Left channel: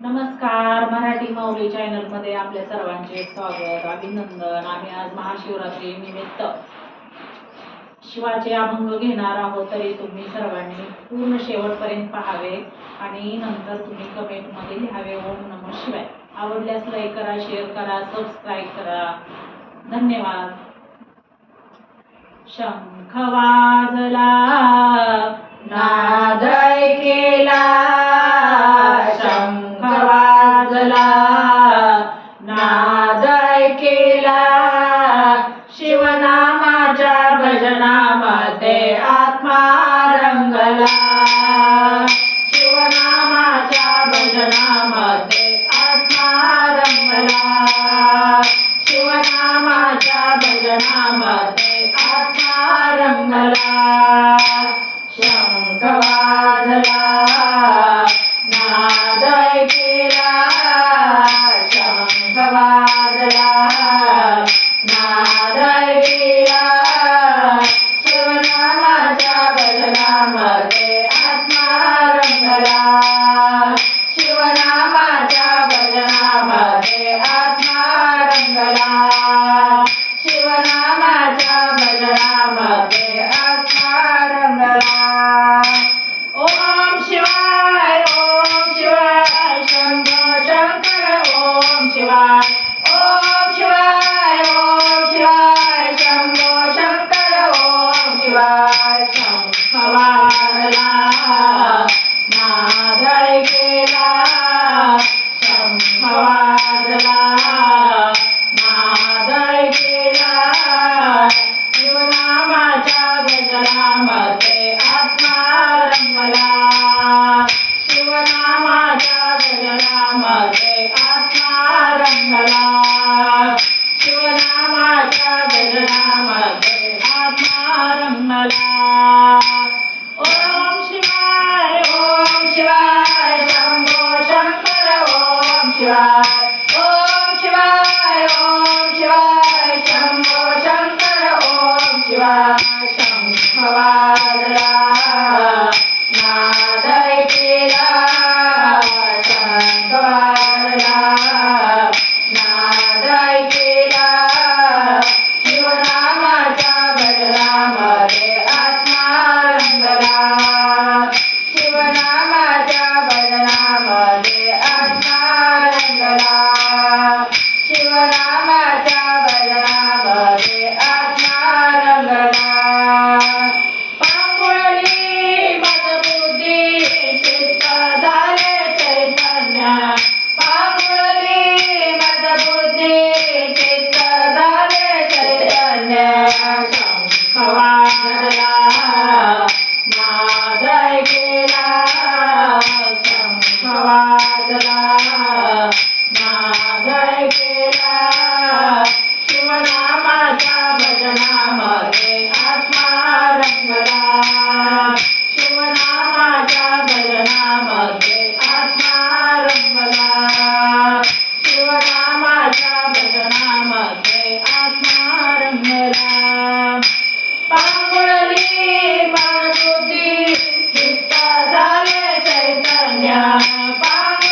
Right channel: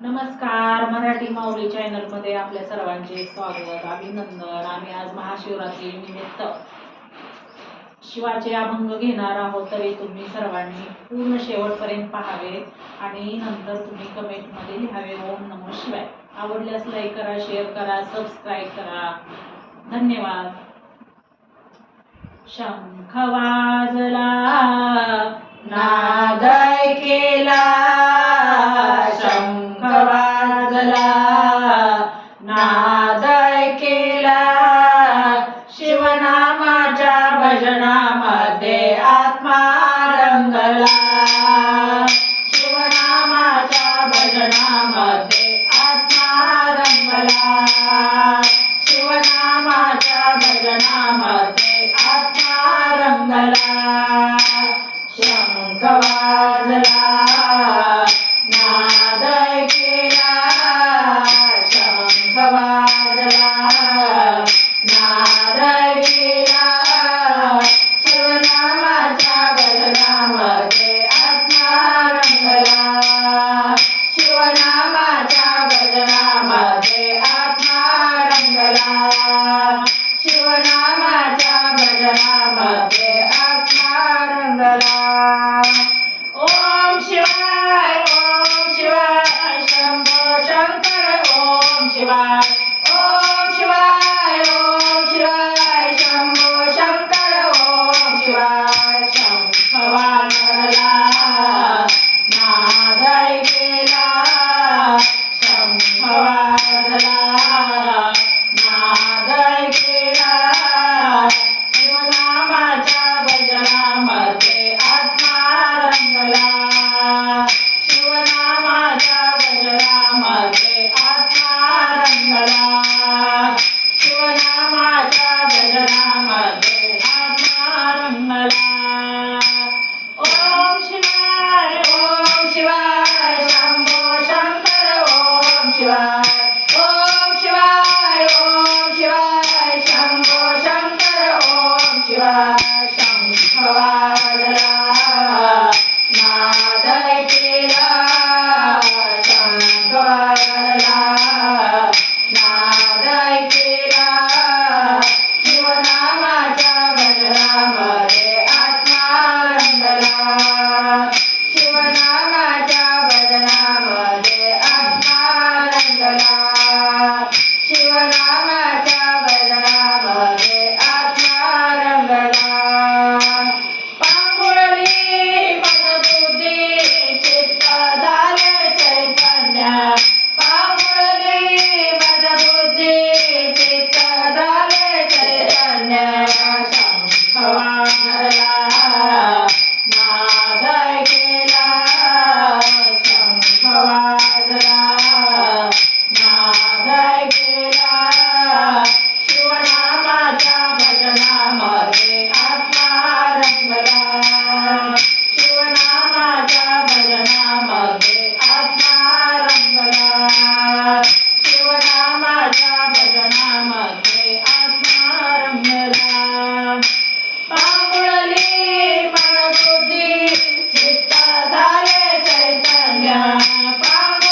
नमस्कार. मराठी माऊली चॅनलमध्ये आपल्या सर्वांचे स्वागत, अभिनंदन. आम्ही आज महाशिवरात्री निमित्त शिवाचे अभंग घेणार आहोत, तरी तुम्ही सर्वांनी पूर्ण शेवटपर्यंत पाहावे आणि नंतर तुम्ही कमेंटमध्ये लिहावे ओम नमः शिवाय. आवडल्यास लाईक करा, शेअर करा, सबस्क्राईब करा. धन्यवाद. शंख वाजला, नाद ऐकेला, शंख वाजला, नाद ऐकेला, शिवनामाच्या भजनामध्ये आत्मा रंगला, शिवनामाच्या भजनामध्ये आत्मा रंगला, शिवनामाच्या भजनामध्ये आत्मा रंगला. शंख वाजला, नाद ऐकेला, शंख वाजला, नाद ऐकेला, शिवनामाच्या भजनामध्ये आत्मा रंगला, शिवनामाच्या भजनामध्ये आत्मा रंगला, शिवनामाच्या भजनामध्ये आत्मा रंगला. ओम शिवाय, ओम शिवाय, शंभो शंकर ओम शिवाय, ओम शिवाय, ओम शिवाय, शंभो शंकर ओम शिवाय. शंख वाजला, नाद ऐकेला, शंख वाजला, नाद ऐकेला, शिवनामाच्या भजनामध्ये आत्मा रंगला, शिवनामाच्या भजनामध्ये आत्मा रंगला, शिवनामाच्या भजनामध्ये आत्मा रंगला. ओम शिवाय, ओम शिवाय, शंभो शंकर ओम शिवाय, ओम शिवाय, ओम शिवाय, शंभो शंकर ओम शिवाय. शंख वाजला, नाद ऐकेला, शंख वाजला, नाद ऐकेला, शिवनामाच्या भजनामध्ये आत्मा रंगला, शिवनामाच्या भजनामध्ये आत्मा रंगला, शिवनामाच्या भजनामध्ये आत्मा रंगला. पांगुळली मदबुद्धी, चित्त झाले चैतन्य, पांगुळली मदबुद्धी, चित्त झाले चैतन्य. शंख वाजला, नाद ऐकेला, शंख वाजला, नाद ऐकेला, शिवनामाच्या भजनामध्ये आत्मा रंगला, शिवनामाच्या भजनामध्ये आत्मा रंगला, शिवनामाच्या भजनामध्ये आत्मा रंगला. पांगुळली मनबुद्धी, चित्त झाले चैतन्य, पांगुळली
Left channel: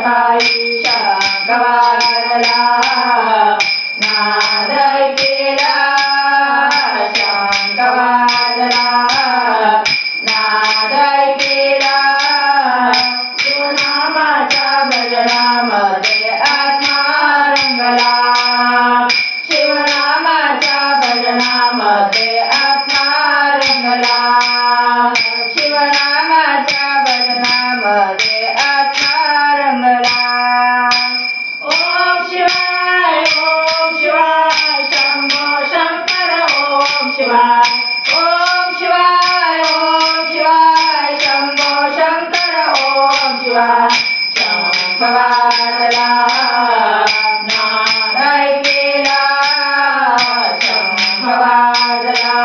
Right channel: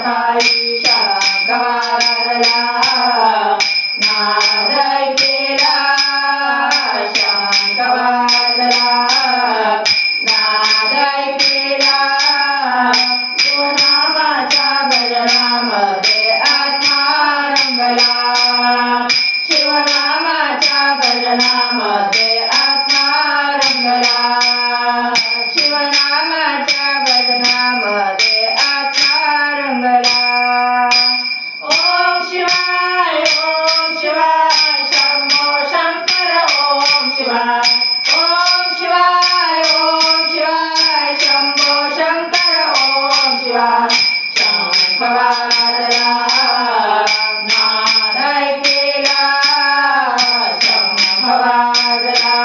सकाळी शंख वाजला नाद ऐकेला शंख वाजला नाद ऐकेला शिवनामाच्या भजनामध्ये आत्मा रंगला शिवनामाच्या भजनामध्ये आत्मा रंगला शिवनामाच्या भजनामध्ये आत्मा रंगला ओम शिवाय शंभो शंकर ओम शिवाय शंभो शंकर ओम शिवाय शंख वाजला नाद ऐकेला शंख वाजला